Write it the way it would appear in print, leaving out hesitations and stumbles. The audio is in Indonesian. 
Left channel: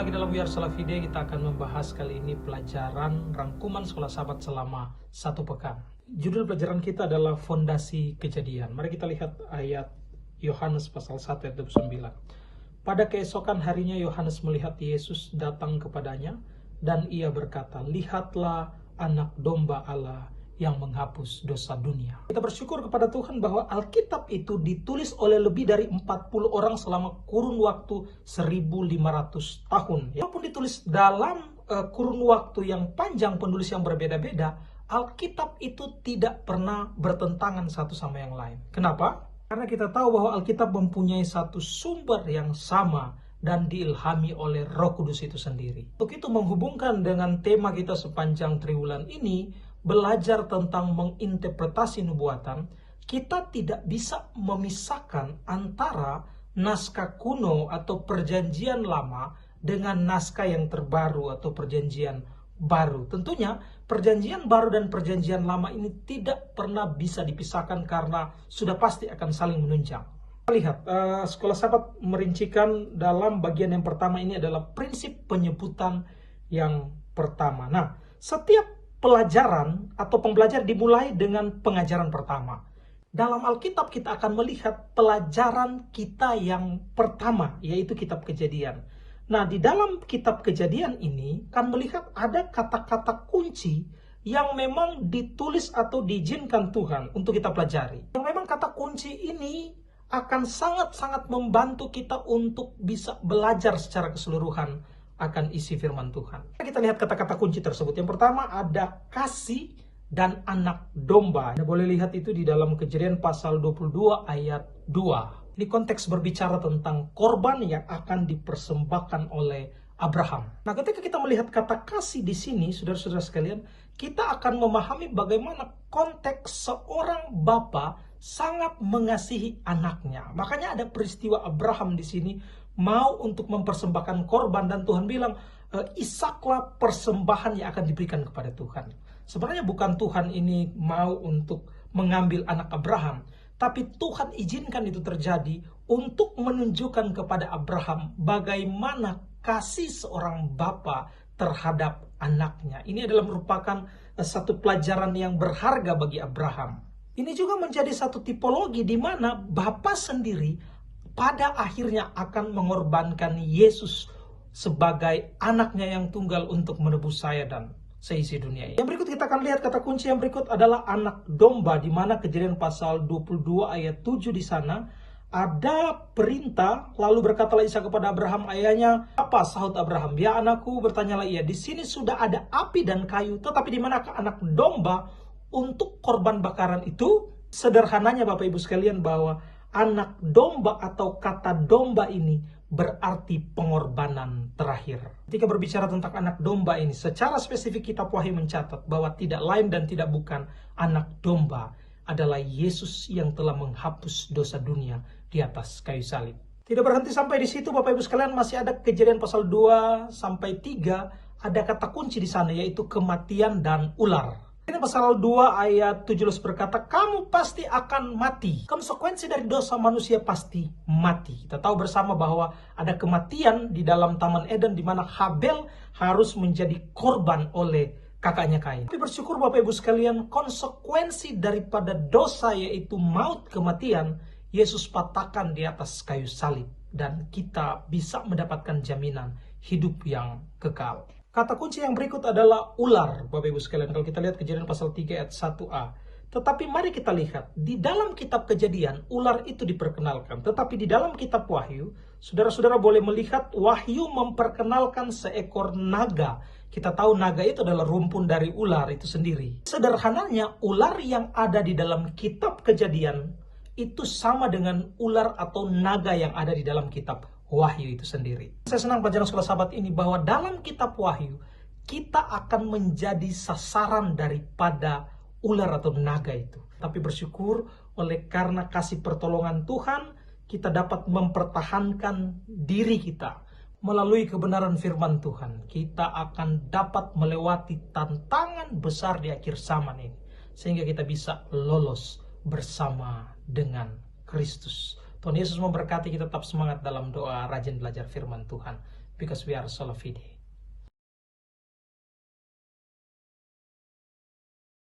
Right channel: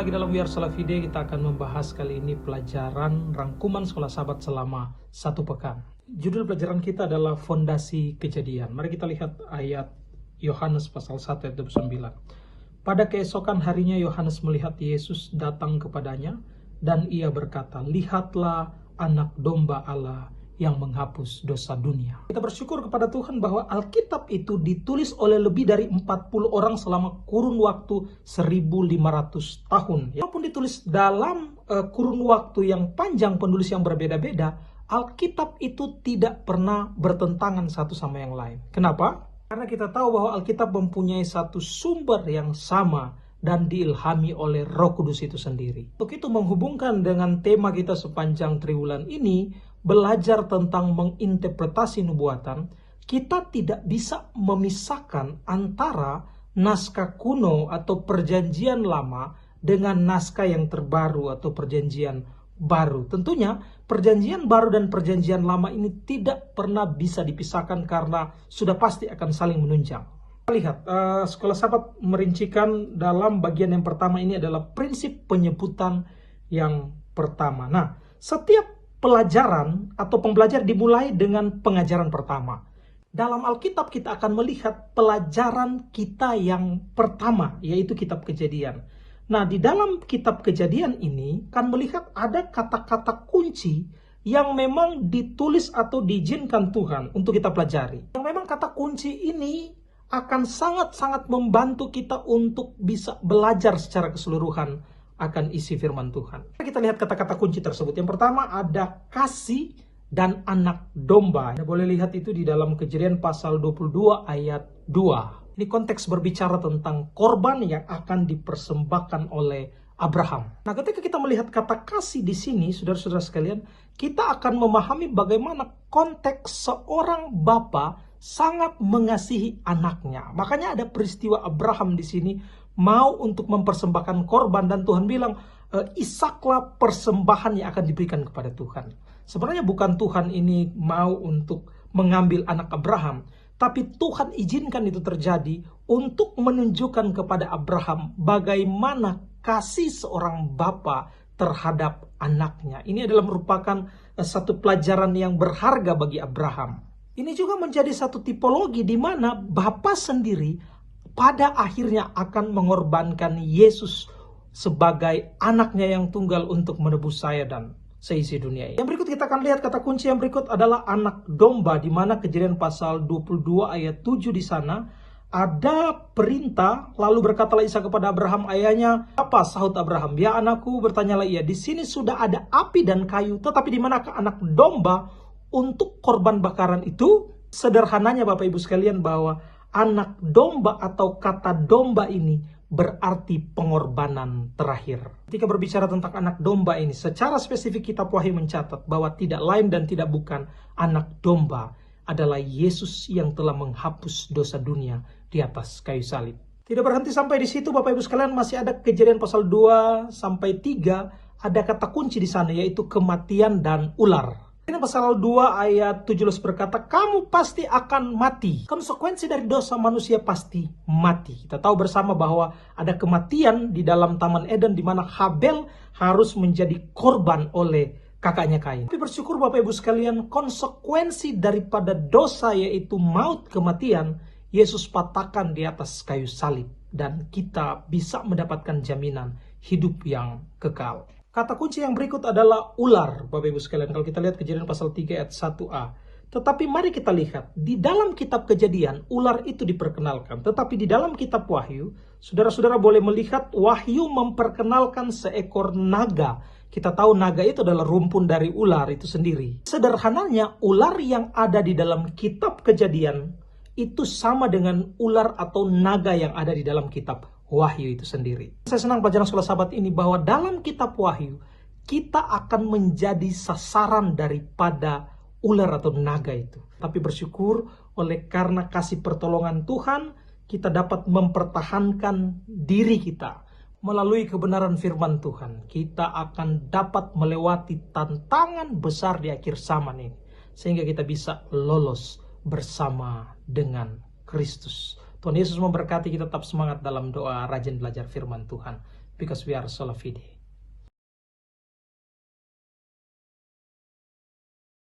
Jumpa lagi dalam We Are Salafide. Kita akan membahas kali ini pelajaran rangkuman sekolah sahabat selama 1 pekan. Judul pelajaran kita adalah Fondasi Kejadian. Mari kita lihat ayat Yohanes pasal 1 ayat 29. Pada keesokan harinya Yohanes melihat Yesus datang kepadanya dan ia berkata, "Lihatlah anak domba Allah yang menghapus dosa dunia." Kita bersyukur kepada Tuhan bahwa Alkitab itu ditulis oleh lebih dari 40 orang selama kurun waktu 1500 tahun. Walaupun ditulis dalam kurun waktu yang panjang, penulis yang berbeda-beda, Alkitab itu tidak pernah bertentangan satu sama yang lain. Kenapa? Karena kita tahu bahwa Alkitab mempunyai satu sumber yang sama dan diilhami oleh Roh Kudus itu sendiri. Untuk itu menghubungkan dengan tema kita sepanjang triwulan ini, belajar tentang menginterpretasi nubuatan, kita tidak bisa memisahkan antara naskah kuno atau perjanjian lama dengan naskah yang terbaru atau perjanjian baru. Tentunya perjanjian baru dan perjanjian lama ini tidak pernah bisa dipisahkan karena sudah pasti akan saling menunjang. Lihat, sekolah sahabat merincikan dalam bagian yang pertama ini adalah prinsip penyebutan yang pertama. Nah, setiap pelajaran atau pembelajar dimulai dengan pengajaran pertama. Dalam Alkitab kita akan melihat pelajaran kita yang pertama, yaitu kitab Kejadian. Nah, di dalam kitab Kejadian ini akan melihat ada kata-kata kunci yang memang ditulis atau diizinkan Tuhan untuk kita pelajari. Yang memang kata kunci ini akan sangat-sangat membantu kita untuk bisa belajar secara keseluruhan akan isi firman Tuhan. Kita lihat kata-kata kunci tersebut. Yang pertama ada kasih dan anak domba. Anda boleh lihat itu di dalam Kejadian pasal 22 ayat 2. Ini konteks berbicara tentang korban yang akan dipersembahkan oleh Abraham. Nah, ketika kita melihat kata kasih di sini, saudara-saudara sekalian, kita akan memahami bagaimana konteks seorang bapa sangat mengasihi anaknya. Makanya ada peristiwa Abraham di sini mau untuk mempersembahkan korban dan Tuhan bilang, Ishaklah persembahan yang akan diberikan kepada Tuhan. Sebenarnya bukan Tuhan ini mau untuk mengambil anak Abraham, tapi Tuhan izinkan itu terjadi untuk menunjukkan kepada Abraham bagaimana kasih seorang bapa terhadap anaknya. Ini adalah merupakan satu pelajaran yang berharga bagi Abraham. Ini juga menjadi satu tipologi di mana Bapa sendiri pada akhirnya akan mengorbankan Yesus sebagai anaknya yang tunggal untuk menebus saya dan seisi dunia ini. Yang berikut kita akan lihat kata kunci yang berikut adalah anak domba, di mana Kejadian pasal 22 ayat 7 di sana ada perintah, lalu berkatalah Ishak kepada Abraham ayahnya, "Apa?" sahut Abraham, "Ya anakku," bertanyalah ia, "di sini sudah ada api dan kayu, tetapi di manakah anak domba untuk korban bakaran itu?" Sederhananya Bapak Ibu sekalian bahwa anak domba atau kata domba ini berarti pengorbanan terakhir. Ketika berbicara tentang anak domba ini, secara spesifik kitab Wahyu mencatat bahwa tidak lain dan tidak bukan anak domba adalah Yesus yang telah menghapus dosa dunia di atas kayu salib. Tidak berhenti sampai di situ Bapak Ibu sekalian, masih ada Kejadian pasal 2 sampai 3, ada kata kunci di sana yaitu kematian dan ular. Ini pasal 2 ayat 17 berkata, "Kamu pasti akan mati." Konsekuensi dari dosa manusia pasti mati. Kita tahu bersama bahwa ada kematian di dalam Taman Eden di mana Habel harus menjadi korban oleh kakaknya Kain. Tapi bersyukur Bapak Ibu sekalian, konsekuensi daripada dosa yaitu maut, kematian, Yesus patahkan di atas kayu salib dan kita bisa mendapatkan jaminan hidup yang kekal. Kata kunci yang berikut adalah ular, Bapak Ibu sekalian. Kalau kita lihat Kejadian pasal 3 ayat 1a. Tetapi mari kita lihat, di dalam kitab Kejadian, ular itu diperkenalkan. Tetapi di dalam kitab Wahyu, saudara-saudara boleh melihat Wahyu memperkenalkan seekor naga. Kita tahu naga itu adalah rumpun dari ular itu sendiri. Sederhananya, ular yang ada di dalam kitab Kejadian itu sama dengan ular atau naga yang ada di dalam kitab Wahyu itu sendiri. Saya senang pelajaran sekolah sahabat ini bahwa dalam kitab Wahyu kita akan menjadi sasaran daripada ular atau naga itu. Tapi bersyukur oleh karena kasih pertolongan Tuhan, kita dapat mempertahankan diri kita melalui kebenaran firman Tuhan. Kita akan dapat melewati tantangan besar di akhir zaman ini, sehingga kita bisa lolos bersama dengan Kristus. Tuhan Yesus memberkati kita, tetap semangat dalam doa, rajin belajar firman Tuhan. because we are sola fide.